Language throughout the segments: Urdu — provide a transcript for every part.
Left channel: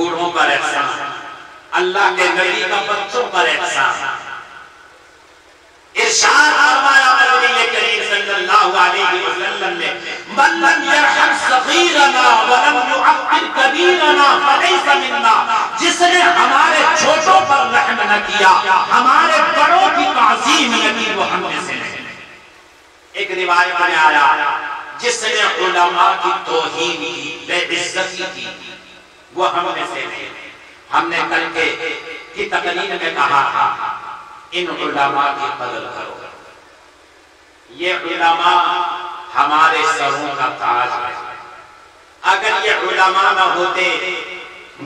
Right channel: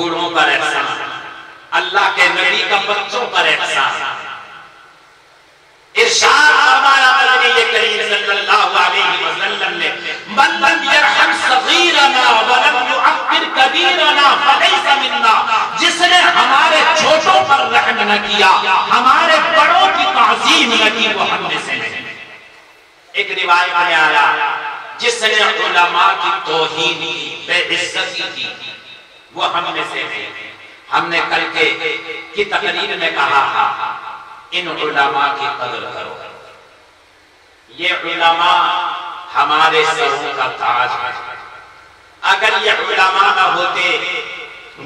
بوڑھوں پر احسان، اللہ کے نبی کا بچوں پر احسان۔ ارشاد فرمایا نبی کریم صلی اللہ علیہ وسلم نے من لم یرحم صغیرنا ولم یعقل کبیرنا فلیس منا، جس نے ہمارے چھوٹوں پر رحم نہ کیا، ہمارے بڑوں کی تعظیم نہ کی، وہ ہم میں سے نہیں۔ ایک روایت میں آیا جس نے علماء کی توہین کی، بے عزتی کی، وہ ہم میں سے نہیں۔ ہم نے کل کی تقریر میں کہا تھا ان علماء کی قدر کرو، یہ علماء ہمارے سروں کا تاج ہے۔ اگر یہ علماء نہ ہوتے،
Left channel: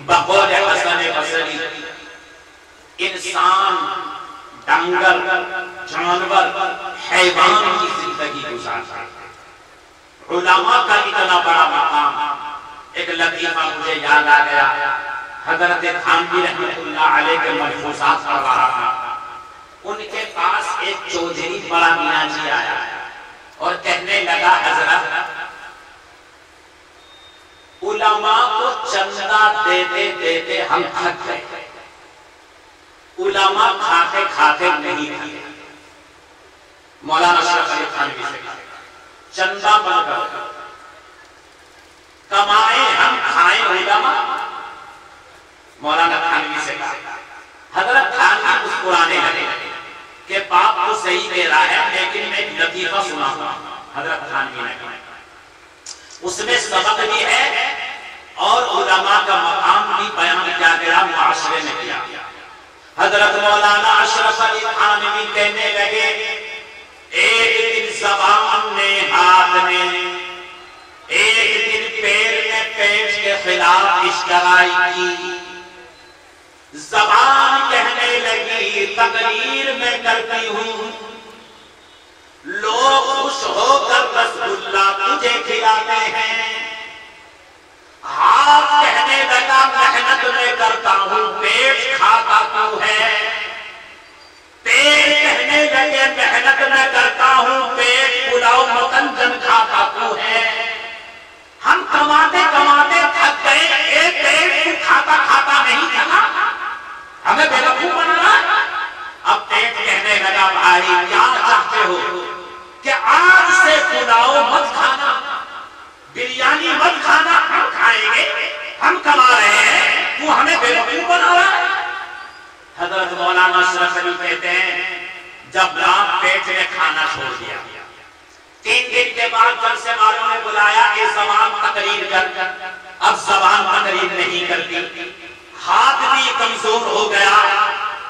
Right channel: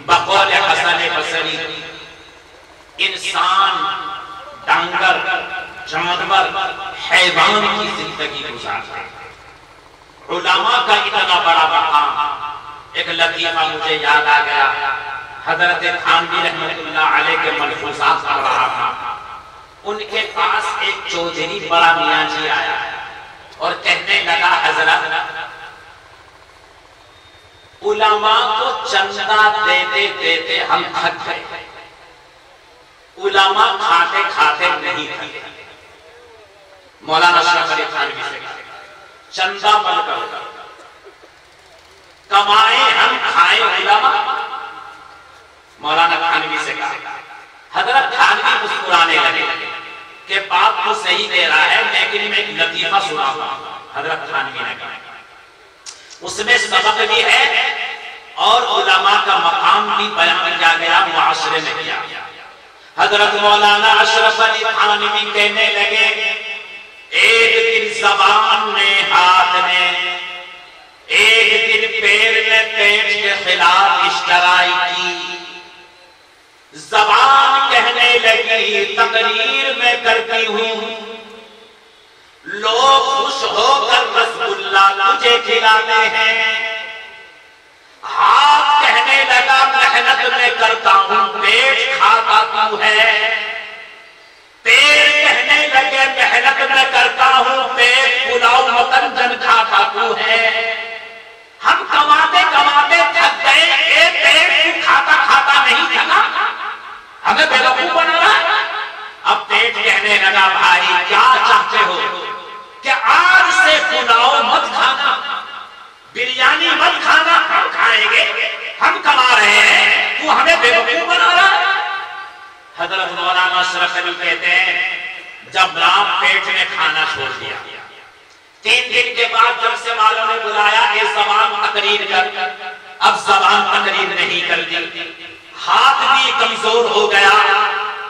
بقول حسن بصری، انسان، ڈنگر، جانور، حیوان کی زندگی گزارتا۔ علماء کا اتنا بڑا مقام، ایک لطیفہ مجھے یاد آ گیا، حضرت تھانوی رحمۃ اللہ علیہ کے ملفوظات پڑھ رہا تھا، ان کے پاس ایک چودھری بڑا میاں جی آیا اور کہنے لگا حضرت علماء کو چندہ دیتے دیتے ہم تھک گئے، علماء کھاتے کھاتے نہیں تھے۔ مولانا اشرف علی تھانوی سے چندہ بن کر کمائیں ہم کھائیں علماء۔ مولانا تھانوی سے کہا، حضرت تھانوی مسکرانے لگے کہ بات تو صحیح دے رہا ہے، لیکن میں ایک لطیفہ سناتا ہوں۔ حضرت تھانوی نے کہا اس میں سبق بھی ہے اور علماء کا مقام بھی بیان کیا گیا، معاشرے میں کیا گیا۔ حضرت مولانا اشرف علی تھانوی کہنے لگے ایک دن زبان نے، ہاتھ نے، ایک دن پیر نے پیٹ کے خلاف اشترائی کی۔ زبان کہنے لگی تقریر میں کرتی ہوں، لوگ خوش ہو کر رسگلہ تجھے کھلاتے ہیں۔ ہاتھ کہنے لگا محنت میں کرتا ہوں، پیٹ کھاتا تو ہے۔ پیر کہنے لگے محنت میں کرتا ہوں، پیٹ پلاؤ مکنجن کھاتا تو ہے۔ ہم کماتے کماتے تھک گئے، ایک پیٹ کھاتا کھاتا نہیں تھکا، ہمیں بے وقوف بنا رہا۔ اب پیٹ کہنے لگا بھائی کیا چاہتے ہو کہ آج سے پلاؤ مت کھانا، بریانی مت کھانا، ہم کھائیں گے، ہم کما رہے ہیں، تو ہمیں بے وقوف بنا رہا ہے۔ حضرت مولانا اشرف علی کہتے ہیں جب رات پیٹ نے کھانا چھوڑ دیا، 3 دن کے بعد جب سے والوں نے بلایا کہ زبان تقریر کر، اب زبان تقریر نہیں کرتی، ہاتھ بھی کمزور ہو گیا،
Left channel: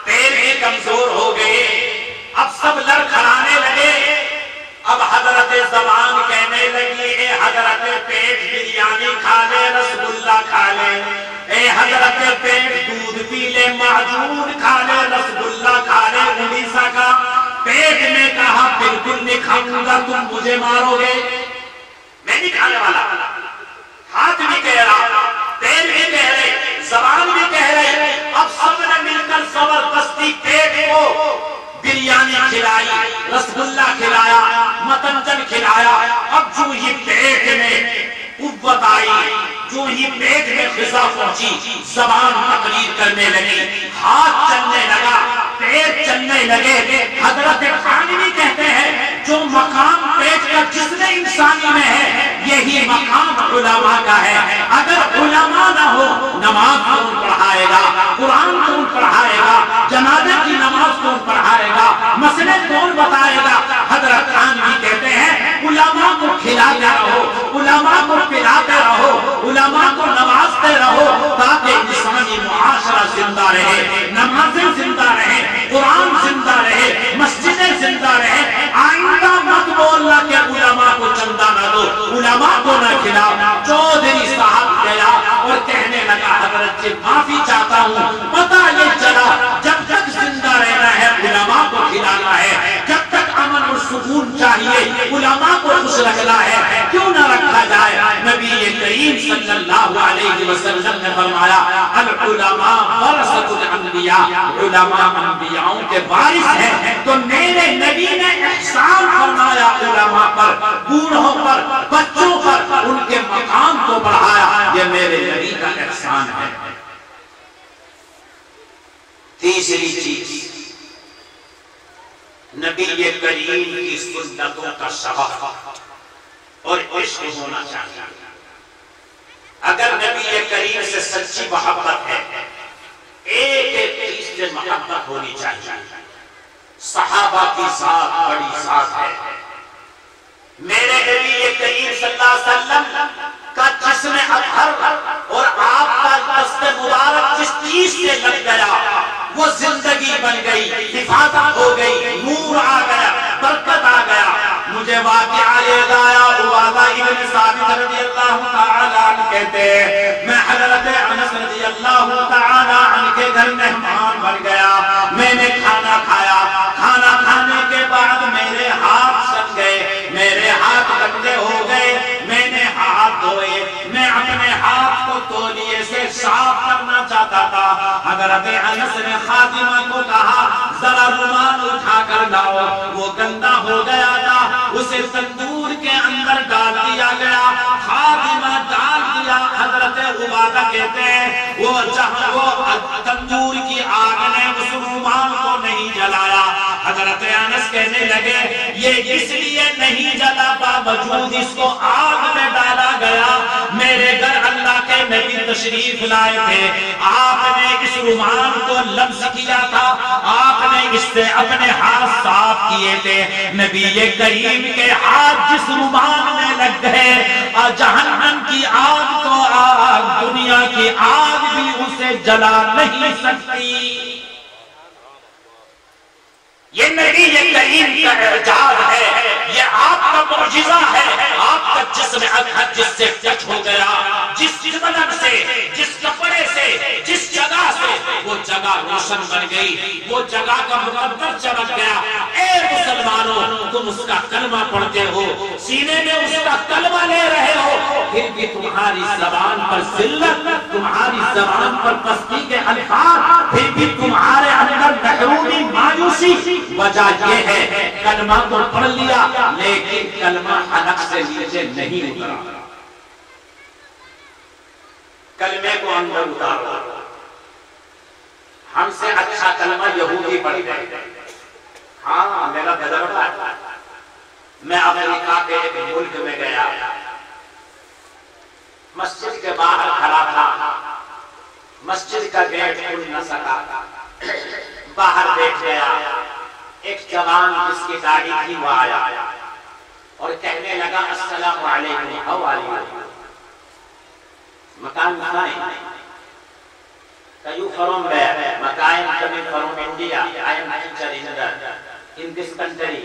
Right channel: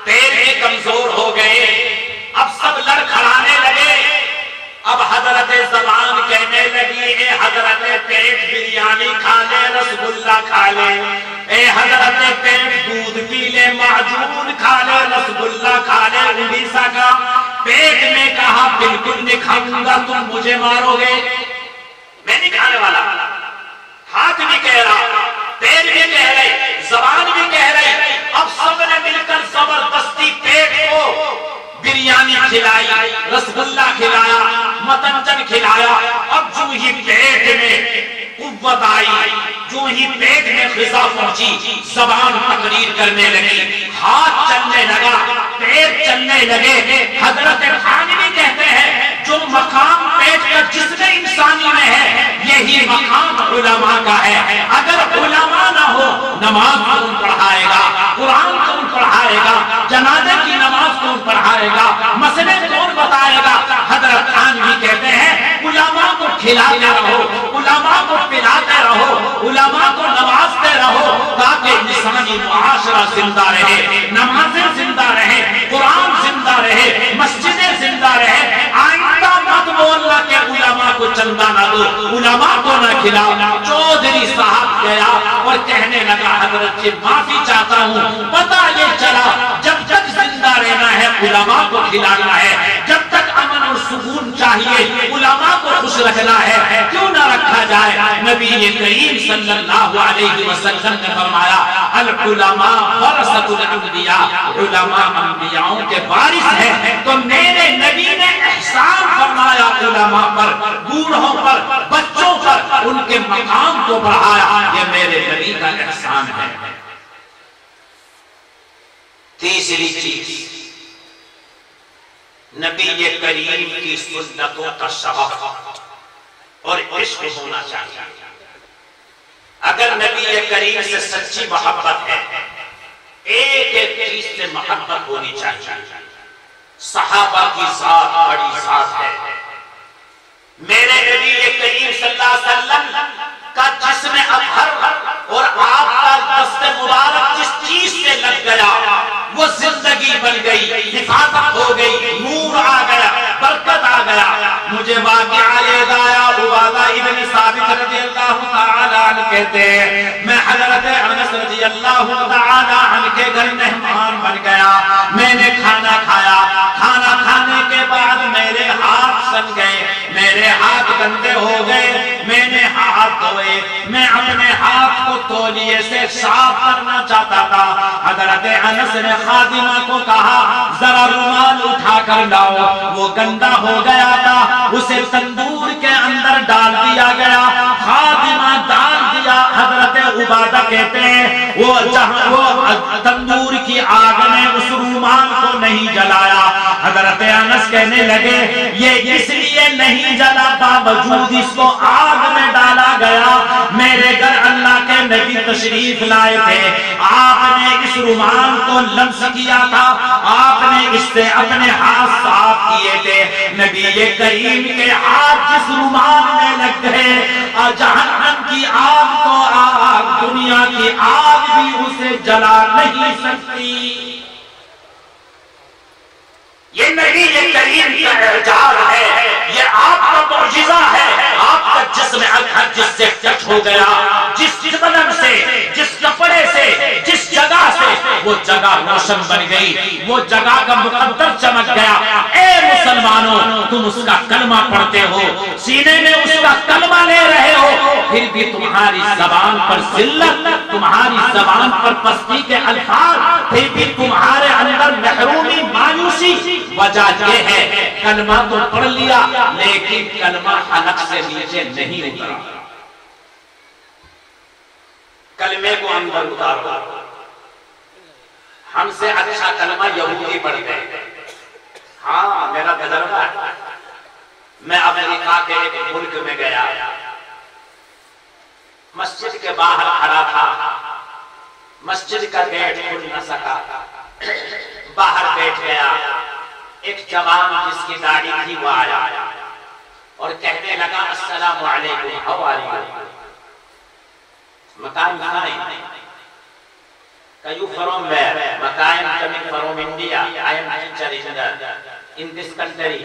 پیر بھی کمزور ہو گئے، اب سب لڑکھڑانے لگے۔ اب حضرت زبان کہنے لگی اے حضرت پیٹ بریانی کھا لے، رسگلہ کھا لے، اے حضرت پیٹ دودھ پی لے، معجون کھا لے، رسگلہ کھا لے، اڑیسہ کا۔ پیٹ میں کہا بالکل نہیں کھاؤں گا، تم مجھے مارو گے، میں نہیں کھانے والا۔ ہاتھ بھی کہہ رہا، پیر بھی کہہ رہے، زبان بھی کہہ رہے۔ اب سب نے مل کر زبردستی پیٹ کو بریانی کھلائی، رسگلہ کھلایا، متنجن کھلایا۔ اب جو ہی پیٹ میں قوت آئی، جو ہی پیٹ میں غذا پہنچی، زبان تقریر کرنے لگی، ہاتھ چلنے لگا، پیر چلنے لگے۔ حضرت تھانوی کہتے ہیں جو مقام پیٹ کا جسم انسانی میں ہے، یہی مقام علماء کا ہے۔ اگر علماء نہ ہو، نماز کون پڑھائے گا، قرآن کون پڑھائے گا، جنازے کی نماز کون پڑھائے گا، مسئلے کون بتائے گا؟ حضرت تھانوی کہتے ہیں علماء کو کھلاتے رہو، علماء کو پلاتے رہو، علماء کو نوازتے رہو، تاکہ انسانی معاشرہ زندہ رہے، نمازیں زندہ رہے، قرآن زندہ رہے، مسجدیں زندہ رہے۔ آئندہ مت بولنا کہ علماء کو چندہ نہ دو، علماء کو نہ کھلاؤ۔ چودھری صاحب گیا اور کہنے لگا حضرت سے معافی چاہتا ہوں، پتہ یہ چلا جب تک زندہ رہنا ہے علماء کو کھلانا ہے، جب تک امن اور سکون چاہیے علماء کو خوش رکھنا ہے، کیوں نہ رکھا جائے؟ نبی کریم صلی اللہ علیہ وسلم نے فرمایا العلماء ورثۃ الانبیاء، علماء انبیاءوں کے وارث ہیں۔ تو میرے نبی نے احسان فرمایا علماء پر، بوڑھوں پر، بچوں پر، ان کے مقام کو بڑھایا، یہ میرے نبی کا احسان ہے۔ تیسری چیز نبی کریم کی سنتوں کا شوق اور عشق ہونا چاہیے. اگر نبی کریم سے سچی محبت ہے ایک ایک چیز سے محبت ہونی چاہیے. صحابہ کی ذات بڑی ذات ہے. میرے نبی کریم صلی اللہ علیہ وسلم کا جسم اطہر اور آپ کا دست مبارک جس چیز سے لگ گیا وہ زندگی بن گئی, حفاظت ہو گئی, نور آ گیا, برکت آ گیا. مجھے واقعہ یاد آیا, عبادہ ابن ثابت رضی اللہ تعالی عنہ کہتے ہیں میں حضرت انس رضی اللہ تعالی عنہ کے گھر مہمان بن گیا. میں نے کھانا کھایا, کھانا کھانے کے بعد میرے ہاتھ سن گئے, میرے ہاتھ گندے ہو گئے. میں نے ہاتھ دھوئے, میں اپنے ہاتھ کو تولیے سے صاف کرنا چاہتا تھا. حضرت انس نے خادمہ کو کہا ذرا رومال اٹھا کر لاؤ. وہ گندا ہو گیا تھا, اسے تندور کے اندر ڈال دیا گیا. خادمہ ڈال دیا. حضرت عبادہ کہتے ہیں وہ تندور کی آگ نے اس رومال کو نہیں جلایا. حضرت انس کہنے لگے یہ اس لیے نہیں جلا باوجود اس کو آگ میں ڈالا گیا. میرے گھر اللہ کے نبی تشریف لائے تھے, آپ نے اس رومال کو لمس کیا تھا, آپ نے اس سے اپنے ہاتھ صاف کیے تھے. نبی کریم کے ہاتھ جس رومال میں لگ گئے جہنم کی آگ تو آگ, دنیا کی آگ بھی اسے جلا نہیں سکتی. یہ نبی کریم کا اعجاز ہے, یہ آپ کا معجزہ ہے. آپ کا جسم اطہر جس سے ٹچ ہو گیا, جس قلم سے, جس کپڑے سے, جس جگہ سے, وہ جگہ روشن بن گئی, وہ جگہ کا مقدر چمک گیا. اے مسلمانوں, تم اس کا کلمہ پڑھتے ہو, سینے میں اس کا کلمہ لے رہے ہو, پھر بھی تمہاری زبان پر ذلت, تمہاری زبان پر پستی کے الفاظ, پھر بھی تمہارے اندر محرومی, مایوسی. وجہ یہ ہے کلمہ تو پڑھ لیا لیکن کلمہ حلق سے نیچے نہیں اترا. کلمے کو اندر اتارو. ہم سے اچھا کلمہ یہودی پڑھ گئے. ہاں میرا تجربہ ہے. میں امریکہ کے ایک ملک میں گیا, مسجد کے باہر کھڑا تھا, مسجد کا گیٹ کھل نہ سکا, باہر بیٹھ گیا. ایک جوان جس کی داڑھی تھی وہ آیا اور کہنے لگا السلام علیکم, ہاؤ آر یو, مکان کہاں ہے, کیو فرام ویئر, مکان coming from India, I am teacher in this country.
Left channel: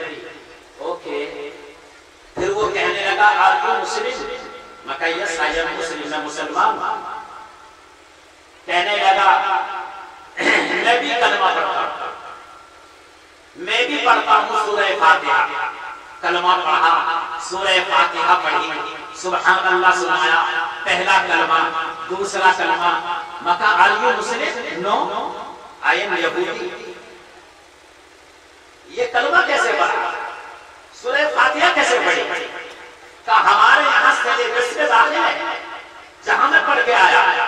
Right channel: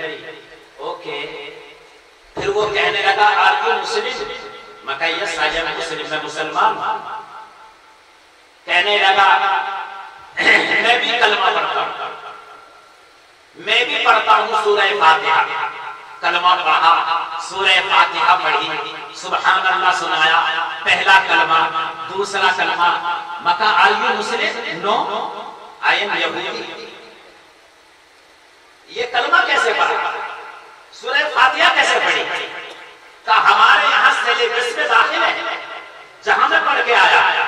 Okay. پھر وہ کہنے لگا آر یو مسلم, مکان یس آئی ایم مسلم, میں مسلمان. کہنے لگا میں بھی کلمہ پڑھتا ہوں, میں بھی پڑھتا ہوں سورہ فاتحہ. کلمہ پڑھا, سورہ فاتحہ پڑھی, سبحان اللہ سنایا, پہلا کلمہ, دوسرا کلمہ. مکہ are you Muslim, no I am یہودی. یہ کلمہ کیسے پڑھا, سورہ فاتحہ کیسے پڑھی؟ کہ ہمارے یہاں سیلیبس میں داخل ہے, جہاں میں پڑھ کے آیا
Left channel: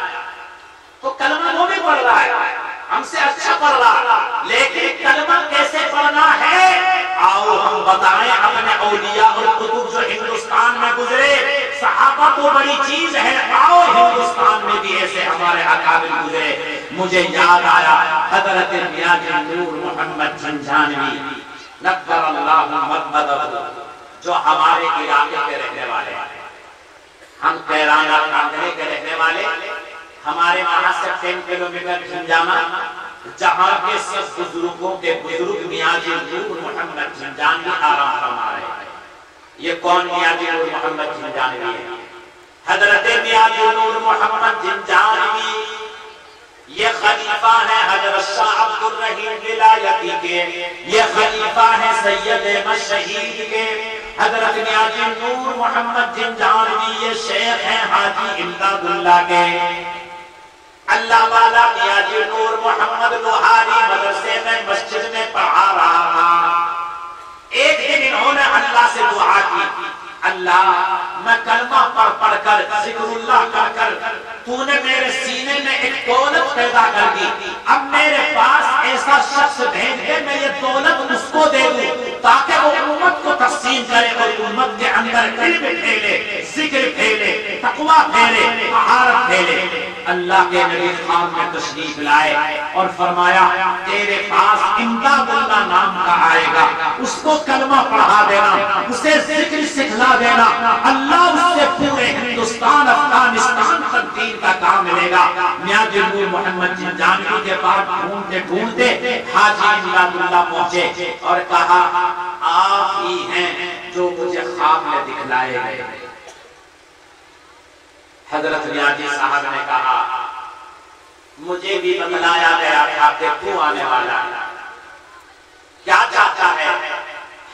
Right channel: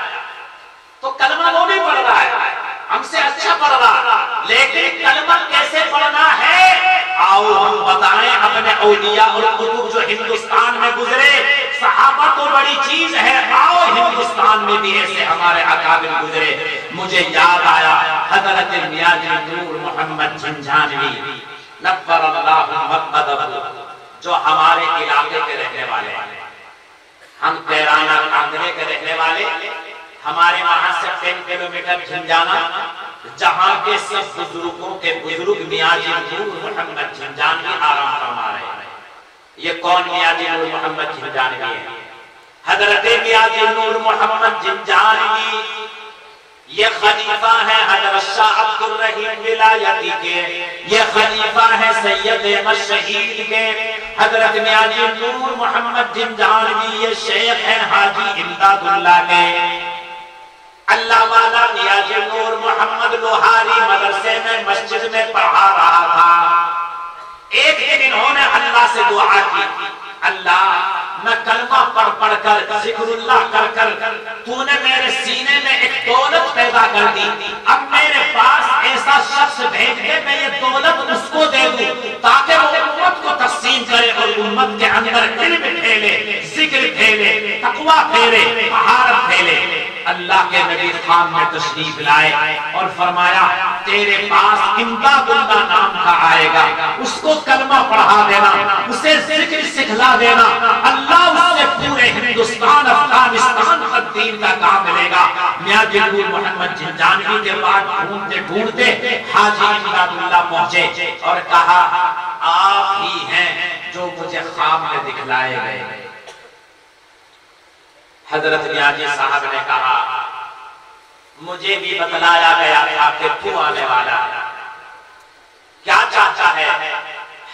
تو کلمہ وہ بھی پڑھ رہا ہے, ہم سے اچھا پڑھ رہا, لیکن کلمہ کیسے پڑھنا ہے آؤ ہم بتائیں اپنے اولیاء اور کتب جو ہندوستان میں گزرے. صحابہ تو بڑی چیز ہے, آؤ ہندوستان میں بھی ایسے ہمارے اکابر گزرے. مجھے یاد آیا حضرت میاں نور محمد جھنجھانوی نور اللہ مقدمہ, جو ہمارے علاقے کے رہنے والے ہیں. ہم کیرانہ کاندھلے کے رہنے والے, ہمارے وہاں سے 10 کلومیٹر جھنجانا, جہاں کے سب بزرگوں کے بزرگ میاں نور محمد جھنجھانوی آرام فرما رہے ہیں. یہ کون میاں نور محمد جھنجھانوی ہے؟ حضرت میاں نور محمد جھنجھانوی یہ خلیفہ ہے حضرت شاہ عبد الرحیم ولایتی کے, یہ خلیفہ ہے سید مشہید کے. حضرت میاں نور محمد جھنجھانوی یہ شیخ ہیں حاجی امداد اللہ کے. اللہ والا میاں نور محمد لوہاری مدرسے میں مسجد میں پڑھا رہا تھا. ایک دن انہوں نے اللہ سے دعا کی, اللہ میں کلمہ پڑھ کر ذکر اللہ کر تو نے میرے سینے میں ایک دولت پیدا کر دی, اب میرے پاس ایسا شخص بھیج دے میں یہ دولت اس کو دے دوں تاکہ وہ امت کو تقسیم کرے اور امت کے اندر علم پھیلے، ذکر پھیلے، تقوی پھیلے، طہارت پھیلے۔ اللہ کے نبی خان میں تشریف لائے اور فرمایا تیرے پاس امداد اللہ نام کا آئے گا، اس کو کلمہ پڑھا دینا، اسے ذکر سکھلا دینا، اللہ اس سے پورے ہندوستان افغانستان تک دین کا کام ملے گا۔ میاں جنگور محمد جنجانوی کے بعد ڈھونڈتے ڈھونڈتے حاجی امداد اللہ پہنچے اور کہا آپ ہی ہیں جو مجھے خواب میں دکھلائے گئے۔ حضرت ریاضی صاحب نے کہا مجھے بھی بتلایا گیا تھا کہ تو آنے والا کیا چاہتا ہے؟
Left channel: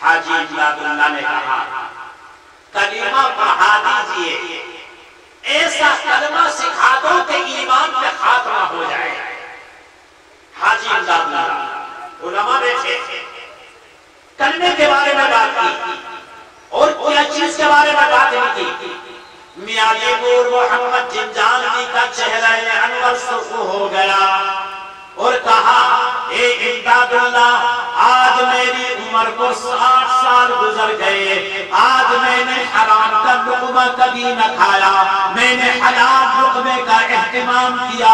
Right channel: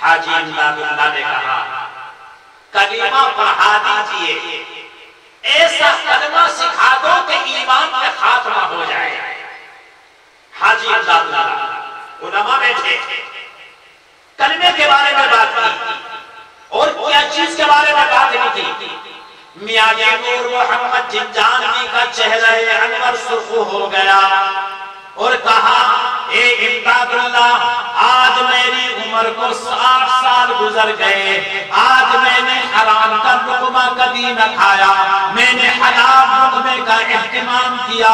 حاجی امداد اللہ نے کہا کلمہ پڑھا دیجئے، ایسا کلمہ سکھا دو کہ ایمان میں خاتمہ ہو جائے۔ حاجی امداد اللہ علماء بیٹھے کلمے کے بارے میں بات کی اور کیا چیز کے بارے میں بات نہیں کی۔ میاں جنگور محمد جنجانوی کا چہرہ انور سرخ ہو گیا اور کہا اے امداد اللہ آج میری عمر کو 60 سال گزر گئے، آج میں نے حرام کا لقمہ کبھی نہ کھایا، میں نے حلال لقمے کا اہتمام کیا،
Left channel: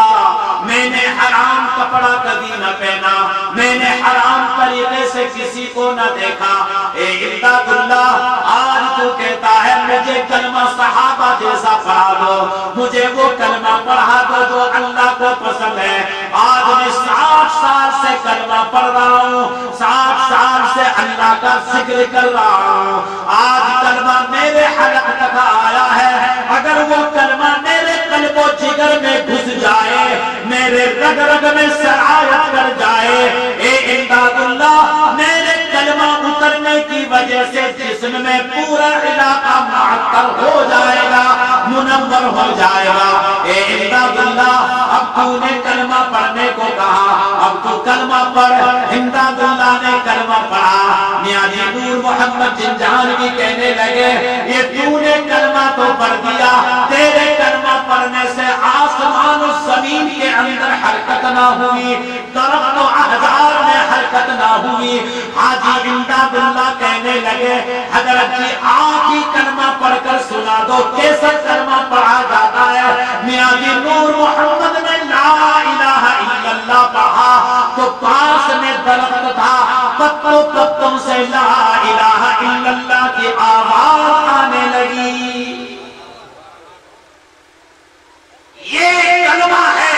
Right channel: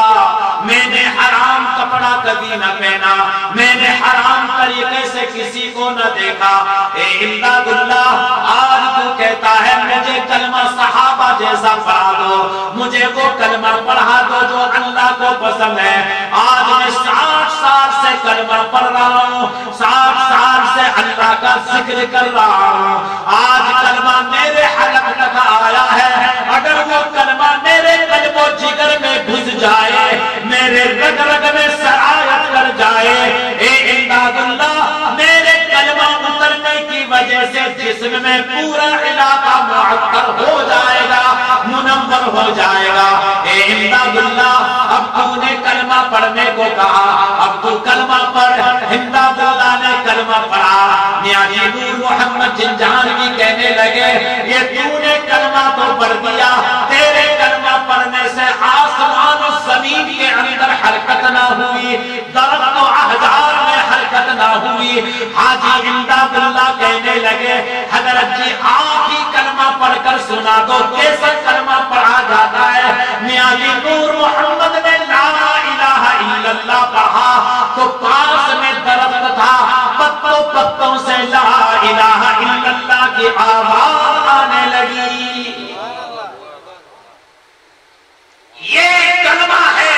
میں نے حرام کپڑا کبھی نہ پہنا، میں نے حرام طریقے سے کسی کو نہ دیکھا۔ اے امداد اللہ آج تو کہتا ہے مجھے کلمہ صحابہ جیسا پڑھا دو، مجھے وہ کلمہ پڑھا دو جو اللہ کو پسند ہے۔ آج میں 60 سال سے کلمہ پڑھ رہا ہوں، 60 سال سے اللہ کا ذکر کر رہا ہوں، آج کلمہ میرے حلق تک آیا ہے، اگر وہ کلمہ میرے قلب و جگر میں گھس جائے، میرے رگ رگ میں سرایت کر جائے، اے امداد اللہ میرے کلمہ اترنے کی وجہ سے جسم میں پورا علاقہ معطر ہو جائے گا، منور ہو جائے گا۔ اے امداد اللہ اب تو نے کلمہ پڑھنے کو کہا، اب تو کلمہ پڑھ۔ امداد اللہ نے کلمہ پڑھا۔ میاں جنگور محمد جنجانوی کہنے لگے یہ تو نے کلمہ تو پڑھ دیا، تیرے کلمہ پڑھنے سے آسمان و زمین کے اندر حرکت نہ ہوئی، درخت و احجار میں حرکت نہ ہوئی۔ حاجی امداد اللہ کہنے لگے حضرت جی آپ ہی کلمہ پڑھ کر سنا دو کیسا کلمہ پڑھا جاتا ہے۔ میاں جنگور محمد نے لا الہ الا اللہ پڑھا تو پاس میں درخت تھا، پتوں پتوں سے لا الہ الا اللہ کی آواز آنے لگی۔ یہ کلمہ ہے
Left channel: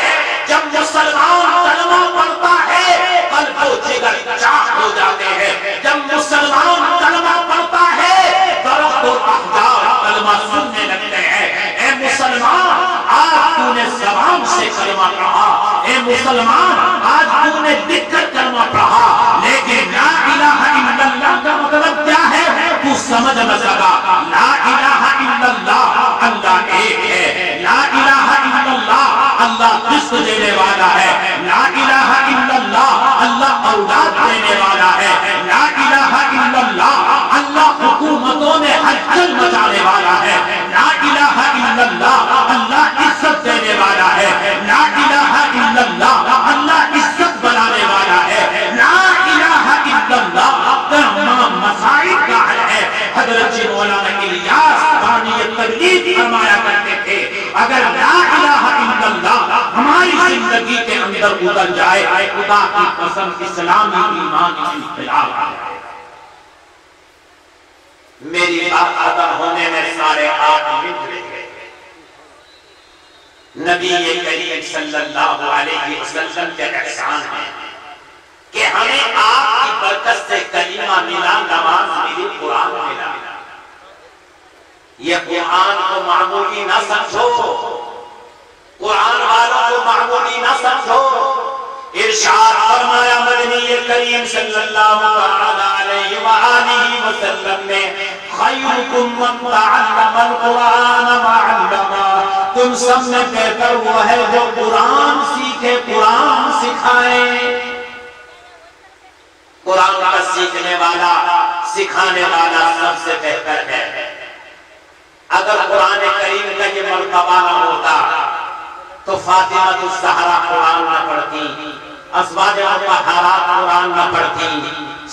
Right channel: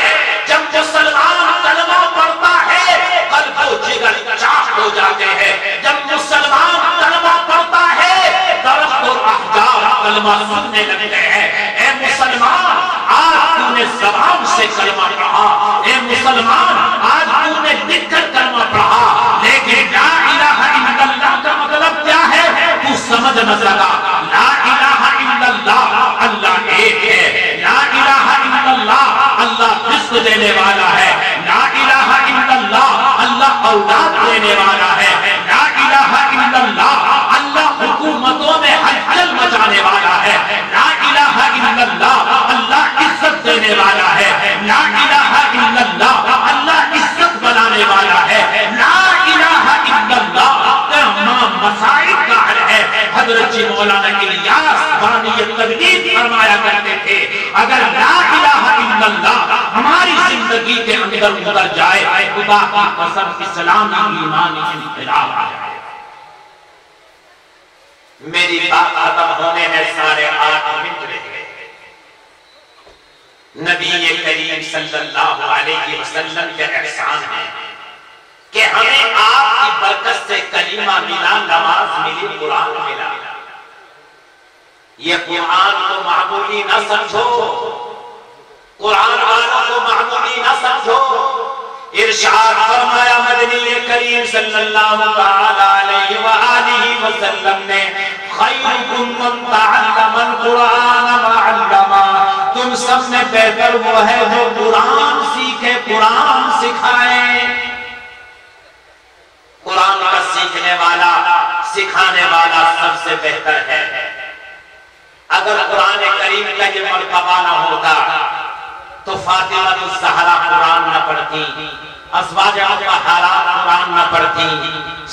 جب مسلمان کلمہ پڑھتا ہے قلب و جگر چاک ہو جاتے ہیں، جب مسلمان کلمہ پڑھتا ہے درخت و احجار کلمہ سننے لگتے ہیں۔ اے مسلمان آج تو نے زبان سے کلمہ پڑھا، اے مسلمان آج تو نے دکھ کر کلمہ پڑھا، لیکن لا الہ الا اللہ کا مطلب کیا ہے تو سمجھ نہ سکا۔ لا الہ الا اللہ اللہ ایک ہے، لا الہ الا اللہ اللہ رزق دینے والا ہے، لا الہ الا اللہ اللہ اولاد دینے والا ہے، لا الہ الا اللہ اللہ حکومتوں میں ہلچل مچانے والا ہے، لا الہ الا اللہ اللہ عزت دینے والا ہے، لا الہ الا اللہ اللہ عزت بنانے والا ہے، لا الہ الا اللہ تمام مسائل کا حل ہے۔ حضرت جی مولانا الیاس بانی تبلیغ فرمایا کرتے تھے اگر لا الہ الا اللہ ہماری زندگی کے اندر اتر جائے خدا کی قسم اسلامی ایمان انقلاب ہے۔ میری بات ختم ہونے میں 8.5 منٹ رہ گئے۔ نبی کریم صلی اللہ علیہ وسلم کے احسان ہے کہ ہمیں آپ کی برکت سے کلمہ ملا، نماز ملی، قرآن ملا۔ یہ قرآن کو معمولی نہ سمجھو، قرآن والوں کو معمولی نہ سمجھو۔ ارشاد فرمایا مدنی کریم صلی اللہ علیہ وآلہ وسلم نے خیرکم من تعلم القرآن وعلما، تم سب میں بہتر وہ ہے جو قرآن سیکھے، قرآن سکھائے۔ قرآن کا سیکھنے والا، سکھانے والا سب سے بہتر ہے۔ اگر قرآن کریم کا یہ مرتبہ نہ ہوتا تو فاطمہ الزہرا قرآن نہ پڑھتی، ازواج مطہرات قرآن نہ پڑھتی،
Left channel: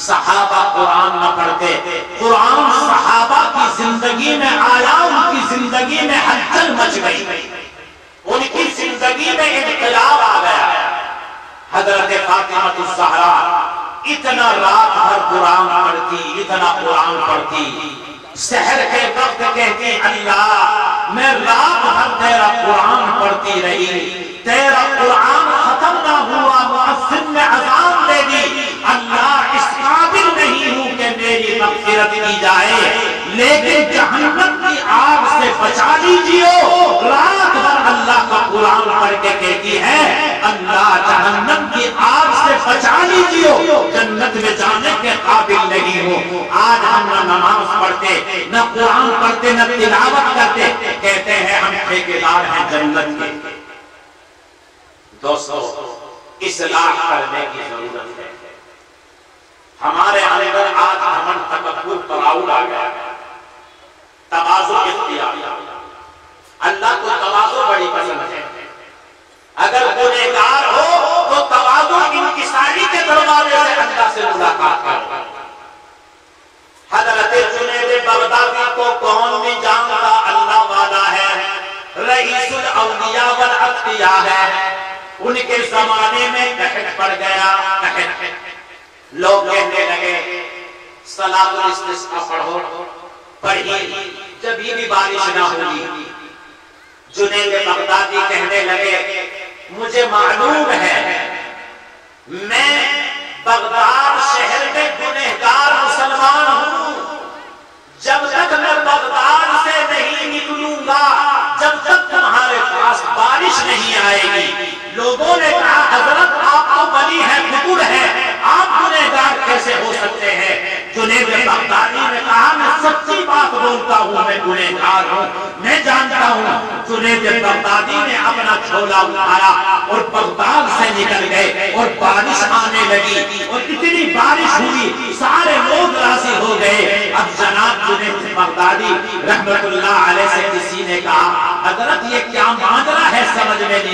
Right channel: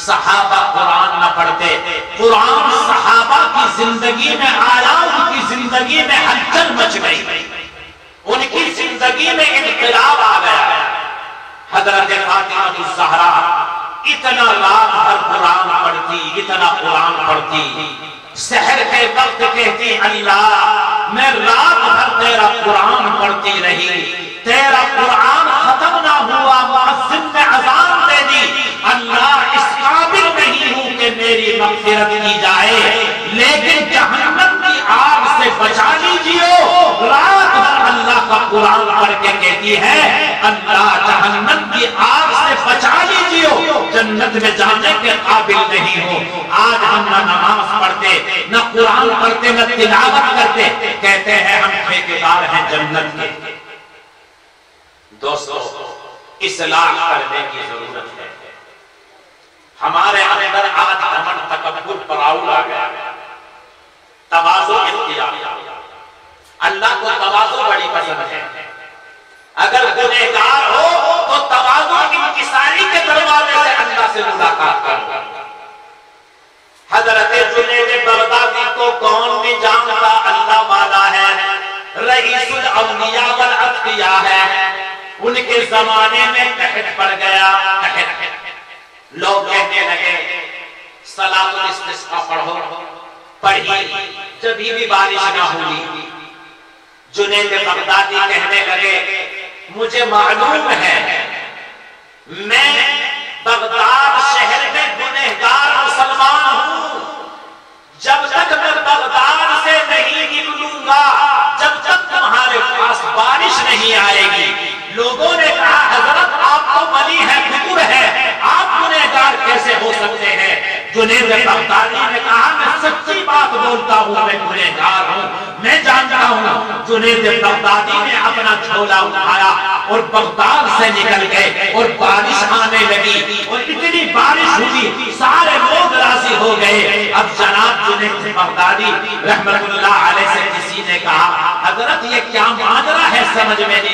صحابہ قرآن نہ پڑھتے، قرآن صحابہ کی زندگی میں آیا، ان کی زندگی میں ہلچل مچ گئی، ان کی زندگی میں انقلاب آ گیا۔ حضرت فاطمہ الزہرا اتنا رات بھر قرآن پڑھتی، اتنا قرآن پڑھتی، سحر کے وقت کہتی اللہ میں رات بھر تیرا قرآن پڑھتی رہی، تیرا قرآن ختم نہ ہوا، مؤذن نے اذان دے دی، اللہ اس قابل نہیں ہوں کہ میری مغفرت کی جائے، لیکن جہنم کی آگ سے بچا لیجیے۔ رات بھر اللہ کا قرآن پڑھ کے کہتی ہے اللہ جہنم کی آگ سے بچا لیجیے، جنت میں جانے کے قابل نہیں ہو۔ آج ہم نہ نماز پڑھتے، نہ قرآن پڑھتے، نہ تلاوت کرتے، کہتے ہیں ہم ٹھیکیدار ہیں جنت کے۔ دوستو اصلاح کرنے کی ضرورت ہے۔ ہمارے اندر آج گھمنڈ تکبر پراؤڈ آ گیا، تواضع اختیار۔ اللہ کو تواضع بڑی پسند ہے۔ اگر گنہگار ہو تو تواضع انکساری کے دروازے سے اللہ سے ملاقات کر۔ حضرت جنید بغدادی کو کون بھی جانتا اللہ والا ہے، رئیس الاولیاء والاتقیاء ہے۔ ان کے زمانے میں قحط پڑ گیا، لوگ کہنے لگے صلاۃ الاستسقاء پڑھو، پڑھی، جب بھی بارش نہ ہوئی۔ جنید بغدادی کہنے لگے مجھے معلوم ہے میں بغداد شہر میں گنہگار مسلمان ہوں، جب تک میں بغداد سے نہیں نکلوں گا، جب تک تمہارے پاس بارش نہیں آئے گی۔ لوگوں نے کہا حضرت آپ تو ولی ہے، فکر ہے، آپ گنہگار کیسے ہو سکتے ہیں؟ جنید بغدادی نے کہا میں سچی بات بولتا ہوں، میں گنہگار ہوں، میں جانتا ہوں۔ جنید بغدادی نے اپنا جھولا اٹھایا اور بغداد سے نکل گئے، اور بارش آنے لگی، اور اتنی بارش ہوئی سارے لوگ راضی ہو گئے۔ اب جناب جنید بغدادی رحمت اللہ علیہ سے کسی نے کہا حضرت یہ کیا ماجرا ہے، سمجھ میں نہیں۔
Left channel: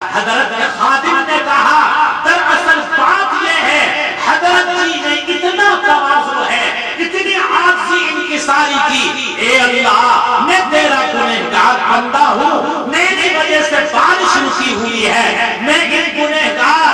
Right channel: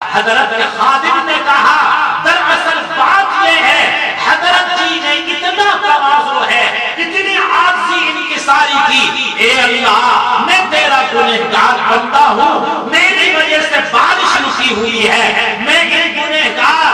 حضرت خادم نے کہا دراصل بات یہ ہے حضرت جی نے اتنا تواضع ہے، اتنی عاجزی انکساری کی، اے اللہ میں تیرا گنہگار بندہ ہوں، میری وجہ سے بارش رکی ہوئی ہے، میں یہ گنہگار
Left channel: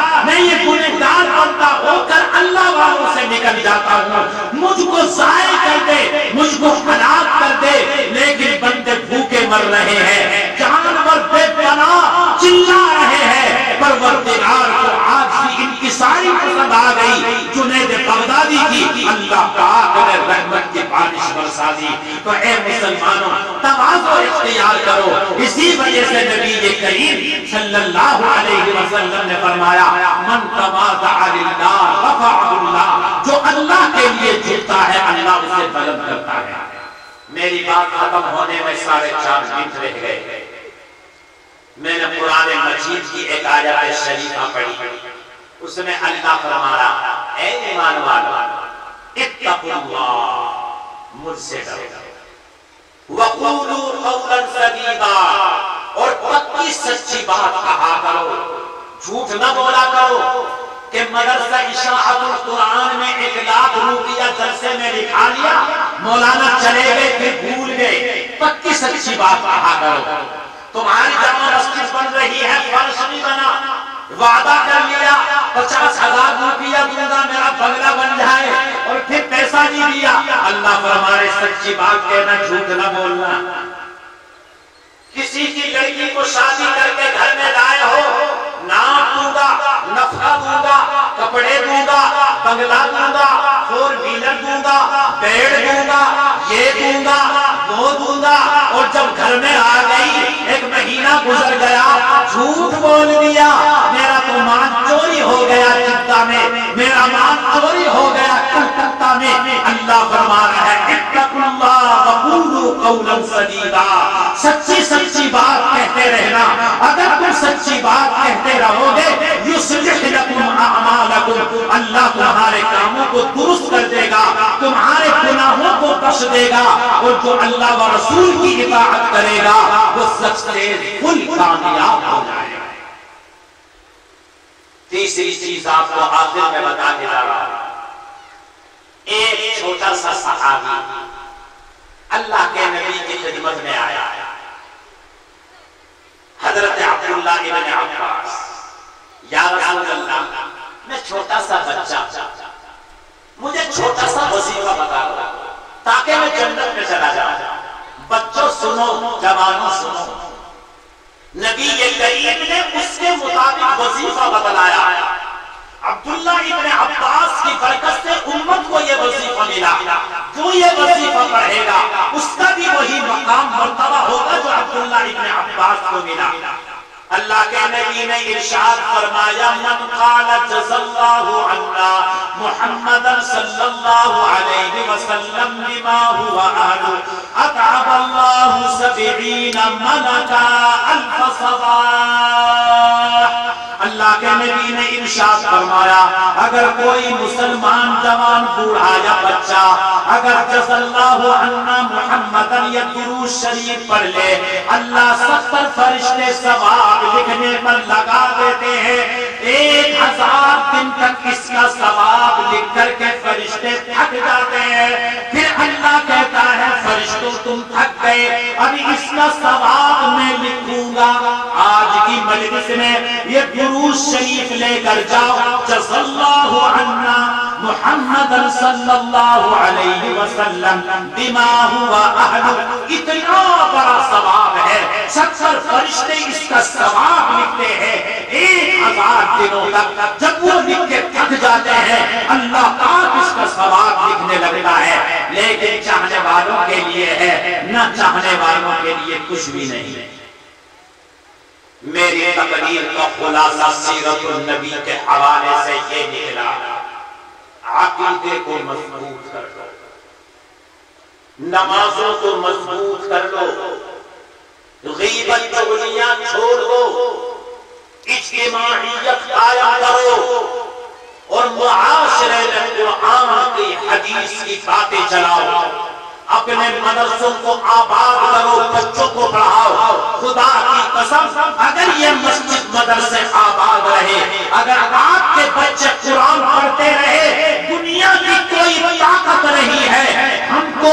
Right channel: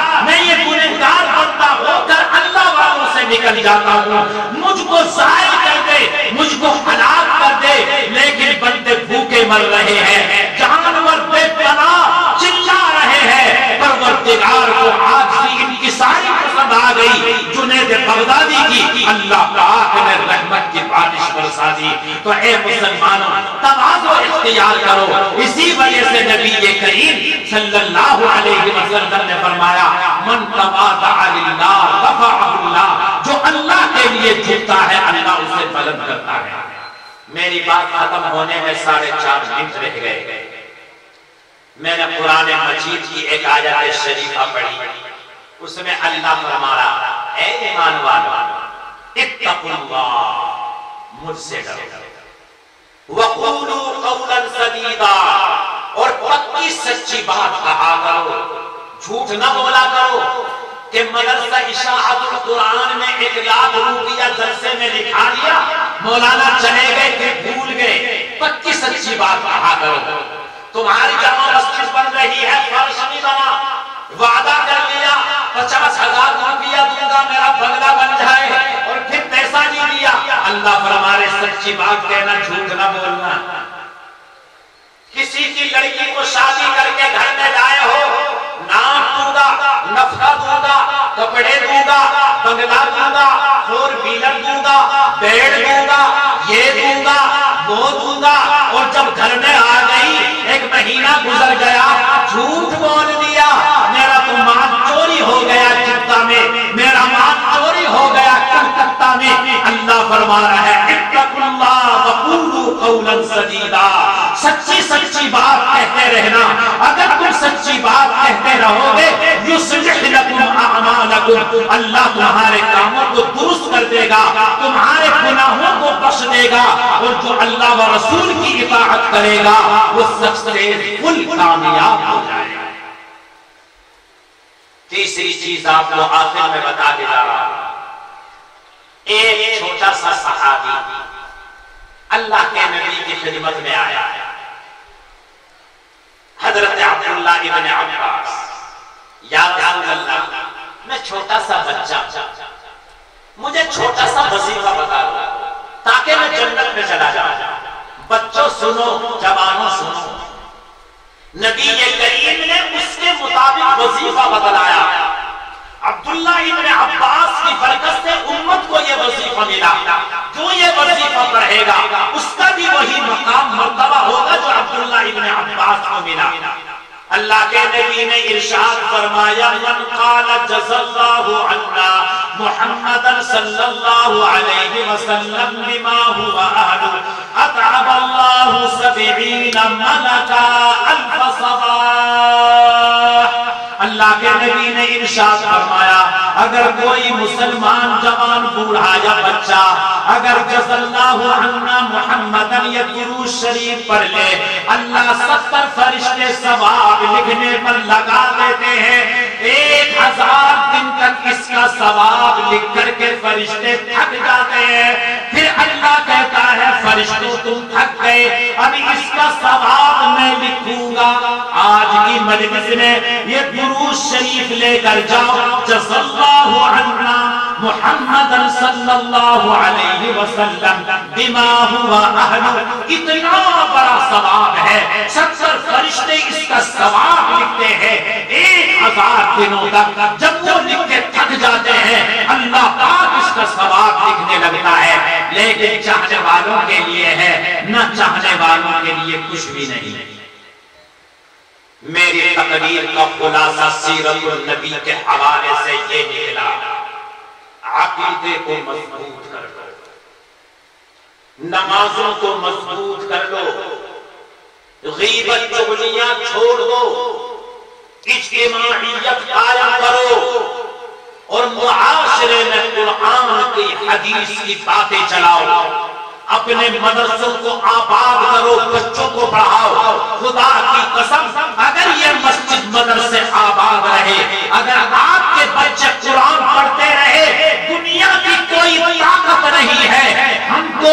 بندہ ہو کر اللہ والوں سے نکل جاتا ہوں، مجھ کو ضائع کر دے، مجھ کو ہلاک کر دے، لیکن بندے بھوکے مر رہے ہیں، جانور بے پناہ چلا رہے ہیں، پروردگار کو عاجزی انکساری پسند آ گئی جنید بغدادی کی، اللہ پاک نے رحمت کی بارش برسا دی۔ تو اے مسلمانوں تواضع اختیار کرو، اسی وجہ سے نبی کریم صلی اللہ علیہ وسلم نے فرمایا من تواضع للہ رفعہ اللہ، جو اللہ کے لیے جھکتا ہے اللہ اسے بلند کرتا ہے۔ میری بات ختم ہونے میں 4.5 منٹ رہ گئے۔ میں نے قرآن مجید کی ایک آیت شریفہ پڑھی، اس میں اللہ فرمایا اے ایمان والو اتقوا اللہ، مجھ سے ڈرو، وقولوا قولا سدیدا، اور پکی سچی بات کہا کرو، جھوٹ نہ بولا کرو کہ مدرسہ اشاعت القرآن میں 1 لاکھ روپیہ جلسے میں لکھا لیا، مولانا چلے گئے پھر بھول گئے۔ پکی سچی بات کہا کرو۔ تمہاری جامع مسجد بن رہی ہے، فرش نہیں بنا، وعدہ کر لیا 50,000 روپیہ دوں گا میرا بنگلہ بن جائے، اور پھر پیسہ نہیں دیا۔ اللہ فرمائے سچی بات کہنا، جھوٹ نہ بولنا۔ کسی کی لڑکی کو شادی کر کے گھر میں لائے ہو، نام دوں گا، نفقہ دوں گا، کپڑے دوں گا، بنگلہ دوں گا، 4 ویلر دوں گا، بیڑ دوں گا، یہ دوں گا، وہ دوں گا، اور جب گھر میں آ گئی 1 مہینہ گزر گیا، جھوٹ بول دیا، میرا تو مال چوری ہو گیا جدہ میں، میرا مال چوری ہو گیا کلکتہ میں۔ اللہ فرما رہا ہے اتقوا اللہ وقولوا قولا سدیدا، سچی بات کہتے رہنا۔ اگر تم سچی بات کہتے رہو گے یصلح لکم اعمالکم، اللہ تمہارے کاموں کو درست کر دے گا، تمہارے گناہوں کو بخش دے گا، اور جو اللہ و رسول کی اطاعت کرے گا وہ سب سے فل کامیاب ہو جائے گا۔ تیسری چیز آپ کو آخر میں بتا کے جا رہا ہوں. ایک چھوٹا سا صحابی اللہ کے نبی کی خدمت میں آیا. حضرت عبداللہ ابن عباس، یا رسول اللہ میں چھوٹا سا بچہ، مجھے چھوٹا سا وظیفہ بتا دو تاکہ میں جنت میں چلا جاؤں. بچوں سنو، جوانوں سنو، نبی کریم نے اس کے مطابق وظیفہ بتلایا. عبداللہ ابن عباس کی برکت سے امت کو یہ وظیفہ ملا. جو یہ وظیفہ پڑھے گا اس کا بھی وہی مقام مرتبہ ہوگا جو عبداللہ ابن عباس کو ملا. اللہ کے نبی نے ارشاد فرمایا من قال جزا اللہ عنا محمد صلی اللہ علیہ وسلم بما هو اہل اتعب اللہ 70 ملکا الف صباح. اللہ کے نبی نے ارشاد فرمایا اگر کوئی مسلمان جوان بوڑھا یا بچہ اگر جزا اللہ عنا محمدن یا درود شریف پڑھ لے اللہ 70 فرشتے ثواب لکھنے پر لگا دیتے ہیں. 1000 دن تک اس کا ثواب لکھ کر کے فرشتے تھک جاتے ہیں. پھر اللہ کہتا ہے فرشتوں تم تھک گئے ابھی اس کا ثواب میں لکھوں گا. آج کی مجلس میں یہ درود شریف لے کر جاؤ جزا اللہ عنا محمد صلی اللہ علیہ وسلم بما هو اہل. اتنا بڑا ثواب ہے. 70 فرشتے اس کا ثواب لکھتے ہیں. 1000 دنوں تک جب وہ لکھ کے تھک جاتے ہیں اللہ پاک اس کا ثواب لکھنے لگتا ہے. لیکن چاہنے والوں کے لیے ہے، نہ چاہنے والوں کے لیے کچھ بھی نہیں. میری تقریر کا خلاصہ سیرت النبی کے حوالے سے یہ نکلا عقیدے کو مضبوط کر لو، نمازوں کو مضبوط کر لو، غیبت چغلیاں چھوڑ دو، اجتماعیت قائم کرو اور معاشرے میں قرآن کی حدیث کی باتیں چلاؤ. اپنے مدرسوں کو آباد کرو، بچوں کو پڑھاؤ. خدا کی قسم اگر یہ مسجد مدرسے آباد رہے، اگر آپ کے بچے قرآن پڑھتے رہے، دنیا میں کوئی طاقت نہیں ہے ہم کو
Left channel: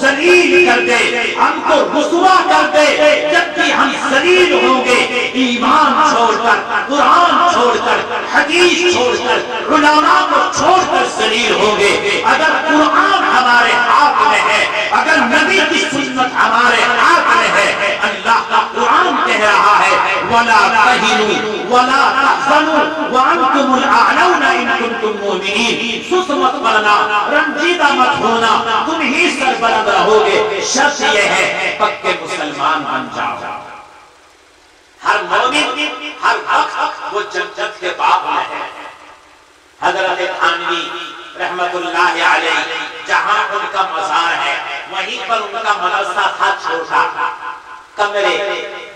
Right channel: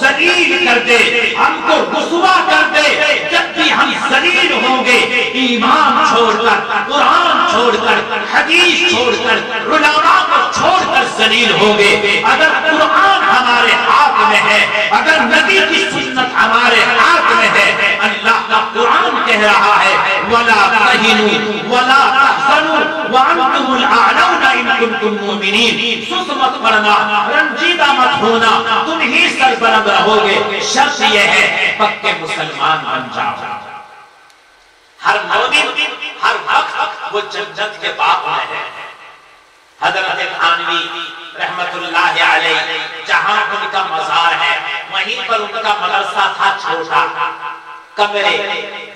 ذلیل کر دے، ہم کو رسوا کر دے. جب بھی ہم ذلیل ہوں گے ایمان چھوڑ کر، قرآن چھوڑ کر، حدیث چھوڑ کر، علماء کو چھوڑ کر ذلیل ہوں گے. اگر قرآن ہمارے ہاتھ میں ہے، اگر نبی کی سنت ہمارے ہاتھ میں ہے، اللہ کا قرآن کہہ رہا ہے وَلَا تَهِنُوا وَلَا تَحْزَنُوا وَأَنْتُمُ الْأَعْلَوْنَ إِن كُنتُم مُؤْمِنِينَ. سست مت پڑنا، رنجیدہ مت ہونا، تم ہی سربلند رہو گے. شرط یہ ہے پکے مسلمان بن جاؤ. ہر مومن ہر وقت وہ جنت کے باغ میں ہے. حضرت تھانوی رحمت اللہ علیہ جہاں ان کا مزار ہے وہیں پر ان کا مدرسہ تھا. چھوٹا کمرے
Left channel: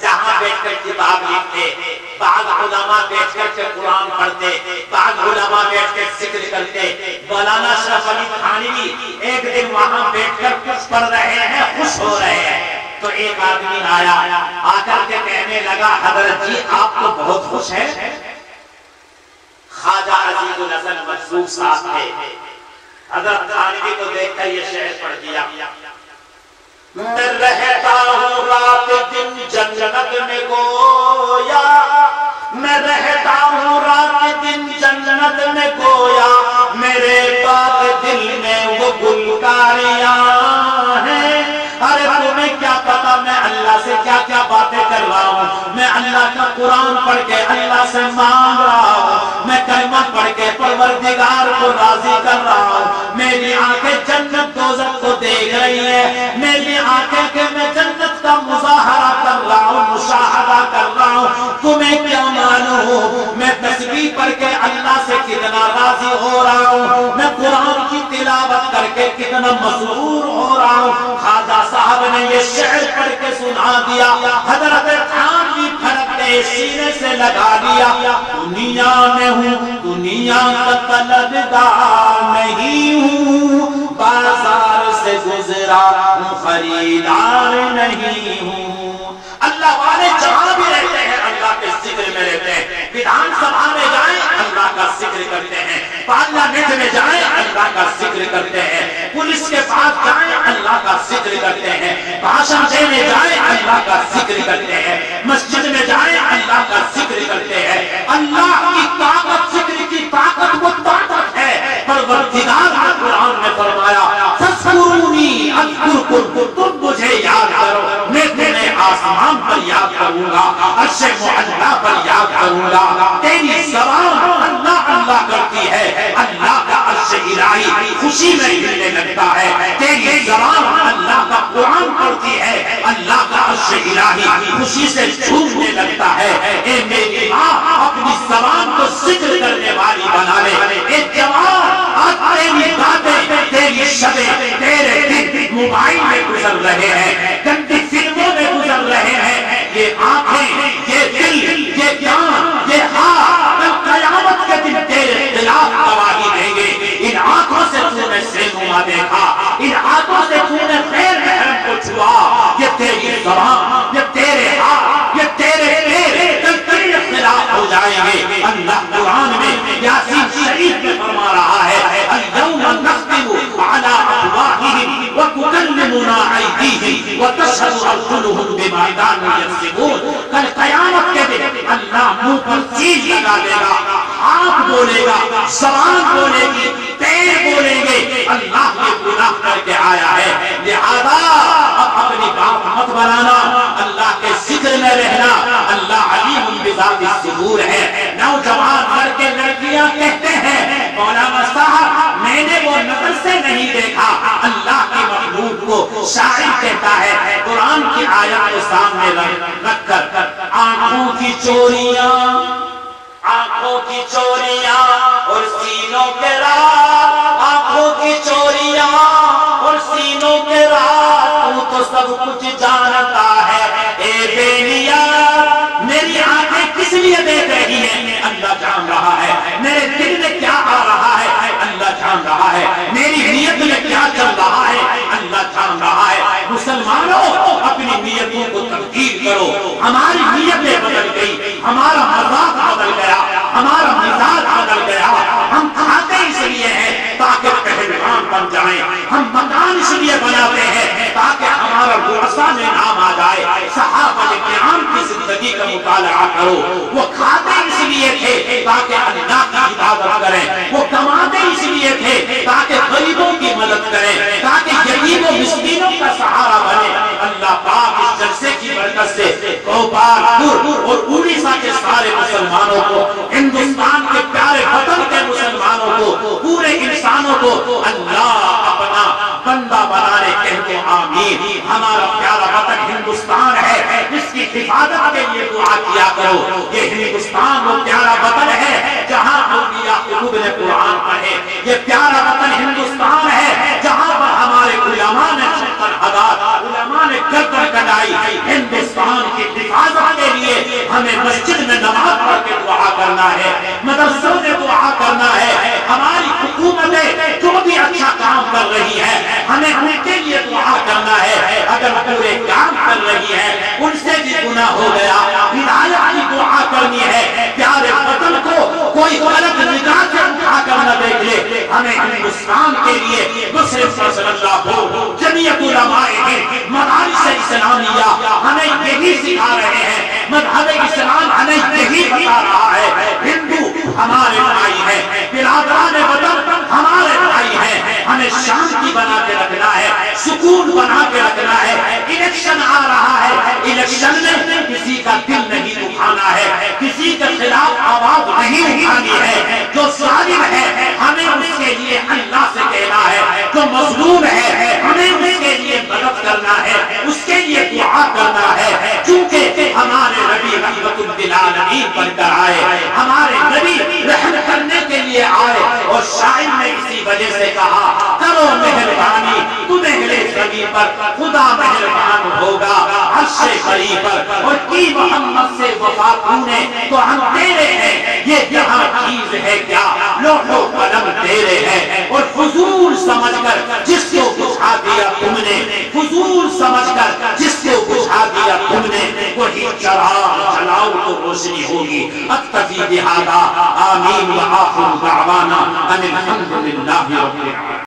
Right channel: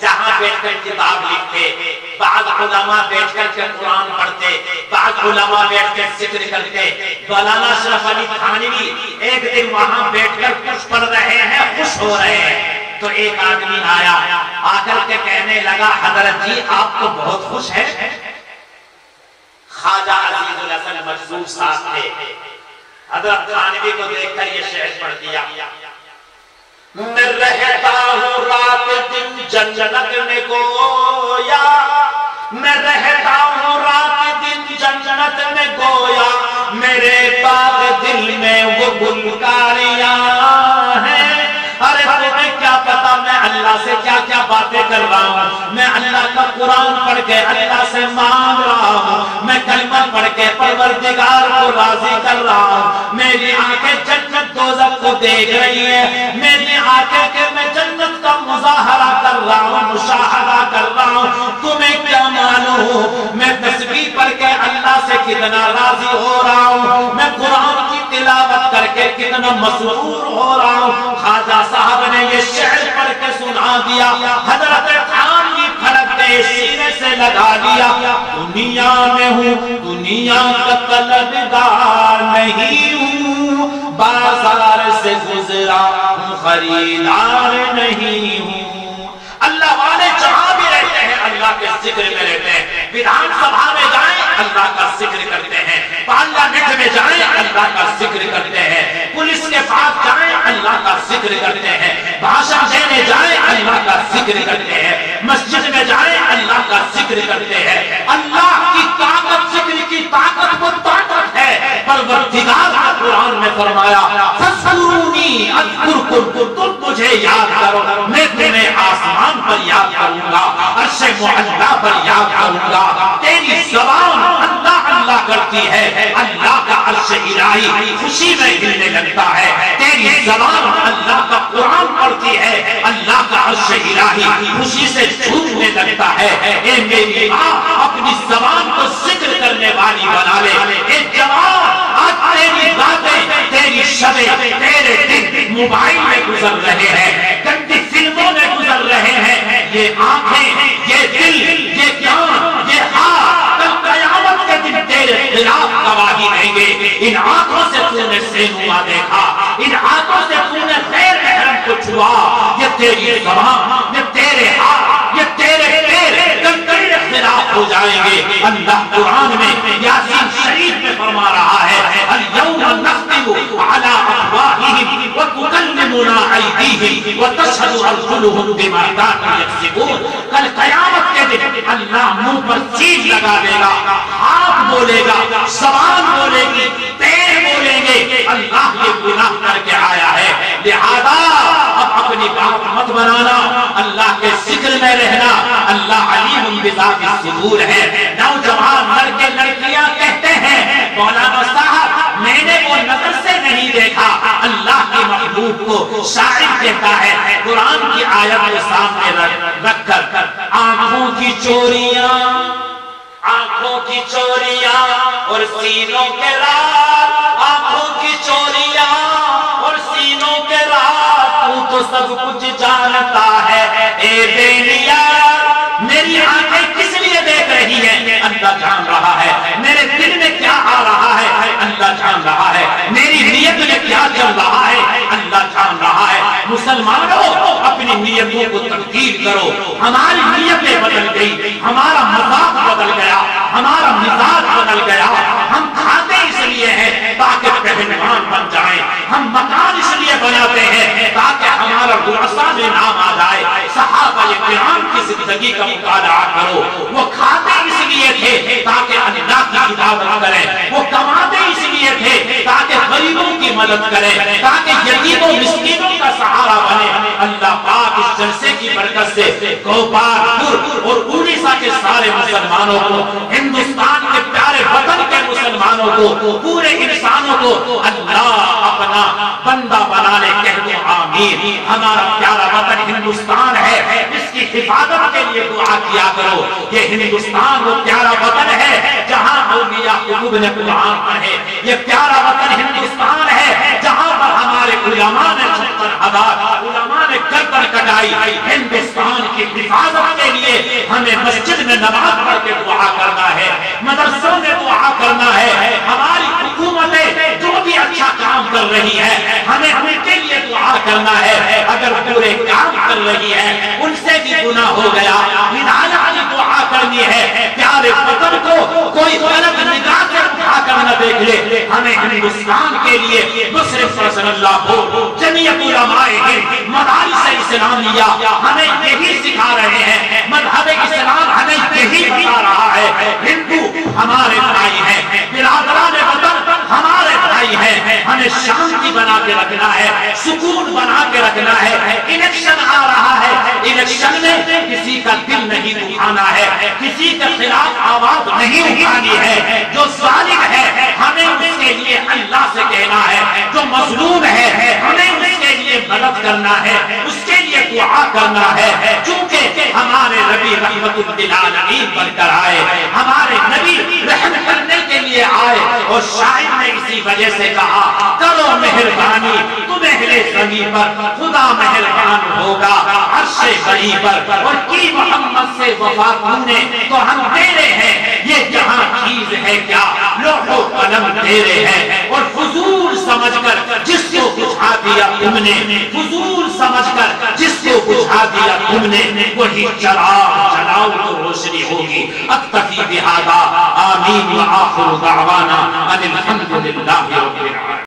جہاں بیٹھ کر کتاب لکھتے، بعض علماء بیٹھ کر کے قرآن پڑھتے، بعض علماء بیٹھ کر ذکر کرتے. مولانا اشرف علی تھانوی ایک دن وہاں بیٹھ کر کچھ پڑھ رہے ہیں، خوش ہو رہے ہیں. تو ایک آدمی آیا، آ کر کے کہنے لگا حضرت جی آپ تو بہت خوش ہیں. خواجہ عزیز الحسن مجذوب صاحب تھے. حضرت تھانوی کو دیکھ کر یہ شعر پڑھ دیا میں رہتا ہوں رات دن جنت میں گویا، میں رہتا ہوں رات دن جنت میں گویا، میرے باغ دل میں وہ گلکاریاں ہیں. ارے تمہیں کیا پتا میں اللہ سے کیا کیا باتیں کر رہا ہوں. میں اللہ کا قرآن پڑھ کے اللہ سے مانگ رہا ہوں، میں کلمہ پڑھ کے پروردگار کو راضی کر رہا ہوں. میری آنکھیں جنت دوزخ کو دیکھ رہی ہے، میری آنکھیں کہ میں جنت کا مظاہرہ کر رہا ہوں، مشاہدہ کر رہا ہوں. تمہیں کیا معلوم میں تسبیح پڑھ کے اللہ سے کتنا راضی ہو رہا ہوں، میں قرآن کی تلاوت کر کے کتنا مسرور ہو رہا ہوں. خواجہ صاحب نے یہ شعر پڑھ کے سنا دیا. حضرت تھانوی پھڑکتے سینے سے لگا دیا دنیا میں ہوں، دنیا کا طلبگار نہیں ہوں، بازار سے گزرا ہوں، خریدار نہیں ہوں. اللہ والے جہاں بھی رہتے ہیں اللہ کے ذکر میں رہتے ہیں. ویدھان سبھا میں جائیں بینک میں جائیں اللہ کا ذکر کرتے ہیں، پولیس کے پاس جائیں اللہ کا ذکر کرتے ہیں، بھاشن دینے جائیں اللہ کا ذکر کرتے ہیں، مسجد میں جائیں اللہ کا ذکر کرتے ہیں۔ اللہ کی طاقت، ذکر کی طاقت وہ طاقت ہے۔ پروردگار نے قرآن میں فرمایا فَاذْكُرُونِي أَذْكُرْكُمْ، تم مجھے یاد کرو میں تمہیں آسمان پر یاد کروں گا، عرش معلیٰ پر یاد کروں گا۔ تیری زبان اللہ اللہ کرتی ہے، اللہ کا عرش الہی خوشی میں ہلنے لگتا ہے۔ تیری زبان اللہ کا قرآن پڑھتی ہے، اللہ کا عرش الہی خوشی سے جھومنے لگتا ہے۔ اے میری ماں، اپنی زبان کو ذکر کرنے والی بنا لے۔ اے جوان، آج تیری باتیں، تیری شبیں، تیرے دن موبائل میں گزر رہے ہیں، گندی فلموں میں گزر رہے ہیں۔ یہ آنکھیں، یہ دل، یہ کان، یہ ہاتھ کل قیامت کے دن تیرے خلاف گواہی دیں گے۔ ان آنکھوں سے تو نے سینما دیکھا، ان آنکھوں سے تو نے غیر محرم کو چھوا۔ یہ تیری زبان، یہ تیرے ہاتھ، یہ تیرے پیر کل تیرے خلاف ہو جائیں گے۔ اللہ قرآن میں یاسین شریف میں فرما رہا ہے اليوم نختم على افواههم وتكلمنا ايديهم وتشهد ارجلهم بما كانوا يكسبون۔ کل قیامت کے دن اللہ منہ پر چیز لگا دے گا، ہاتھ بولے گا، زبان بولے گی، پیر بولیں گے اللہ کے گناہ کر کے آیا ہے۔ لہذا اب اپنی بات مت بنانا، اللہ کے ذکر میں رہنا۔ اللہ علیم بذات الصدور ہے۔ نوجوان لڑکے لڑکیاں کہتے ہیں مولانا صاحب میں نے وہ نظر سے نہیں دیکھا، اللہ کے محبوب کو شاعر کہتا ہے قرآن کی آیت کے سامنے رکھ کر آنکھوں کی چوریاں، آنکھوں کی چوریاں اور سینوں کے راز، آنکھوں کی چوریاں اور سینوں کے راز، تو سب کچھ جانتا ہے۔ اے بینیا، میری آنکھیں کس لیے دیکھ رہی ہیں اللہ جان رہا ہے، میرے دل میں کیا آ رہا ہے اللہ جان رہا ہے، میری نیت میں کیا چل رہا ہے اللہ جان رہا ہے۔ مسلمانوں، اپنی نیتوں کو تبدیل کرو۔ ہماری نیتیں بدل گئی، ہمارا مزاج بدل گیا، ہمارا مزاج بدل گیا۔ ہم کھاتے اس لیے ہیں تاکہ پہلوان بن جائیں، ہم مکان اس لیے بناتے ہیں تاکہ ہمارا ورثہ میں نام آ جائے۔ صحابہ کرام کی زندگی کا مطالعہ کرو، وہ کھاتے اس لیے تھے تاکہ اللہ کی عبادت کریں، وہ کماتے اس لیے تھے تاکہ غریبوں کی مدد کریں، تاکہ یتیموں مسکینوں کا سہارا بنے۔ اللہ پاک اس جلسے کی برکت سے کوپار اور اڑیسہ کے سارے مسلمانوں کو، ہندوستان کے پیارے وطن کے مسلمانوں کو، پورے انسانوں کو اللہ اپنا بندہ بنانے کہتے آمین۔ ہمارا پیارا وطن ہندوستان ہے، جس کی حفاظت کے لیے دعا کیا کرو۔ یہ ہندوستان وہ پیارا وطن ہے جہاں اولیاء قلوب نے قرآن پڑھے، یہ پیارا وطن ہندوستان ہے جہاں پر ہمارے علماء نے 70,000 علماء نے گردن کٹائی۔ ہندوستان کی حفاظت کے لیے ہمیں مسجد میں نماز پڑھ کے دعا کرنا ہے، مدرسوں میں دعا کرنا ہے۔ ہماری حکومتیں جو بھی اچھا کام کر رہی ہے ہمیں ان کے لیے دعا کرنا ہے۔ اگر پورے کام کر رہی ہے ان سے بھی گناہ ہو گیا، ہدایت کی دعا کرنی ہے۔ پیارے وطن کو کوئی غلط نگاہ سے اٹھا کر نہ دیکھ لے۔ ہمیں ہندوستان کے لیے مصرف صلی اللہ ہو، جمعیت علماء ہند، مدارس اسلامیہ ہمیں یہی سکھا رہے ہیں، مذہب اسلام ہمیں یہی بتا رہا ہے۔ ہندو ہمارے بھائی ہیں، برادران وطن ہمارے بھائی ہیں، ہمیں شانتی بنا کے رکھنا ہے، سکون بنا کے رکھنا ہے۔ الیکشن آ رہا ہے، الیکشن میں کسی کا دل نہیں دکھانا ہے، کسی کے خلاف آواز نہیں اٹھانی ہے۔ جو ظالم ہے ہمیں اس کے لیے اللہ سے کہنا ہے، جو مظلوم ہے ہمیں اس کے لیے مدد کرنا ہے، اس کے لیے دعا کرنا ہے۔ چونکہ ہمارے نبی رحمت للعالمین بن کر آئے، ہمارے نبی رحم کرنے کے لیے آئے، اور شاعر نے اسی وجہ سے کہا کرو مہربانی تمہیں زمین پر خدا مہربان ہوگا عرش بری پر، اور کی محمد سے وفا نے تو ہم تیرے ہیں، یہ جہاں چیز ہے کیا لوح و قلم تیرے ہیں۔ اور فضول سمجھ کر جس کو بجھا دیا تم نے، فضول سمجھ کر جس کو بجھا دیا تم نے، وہی چراغ جلاؤ تو روشنی ہوگی۔ اکتفی بہذا آمین وآخر دعوانا ان الحمد للہ رب العالمین.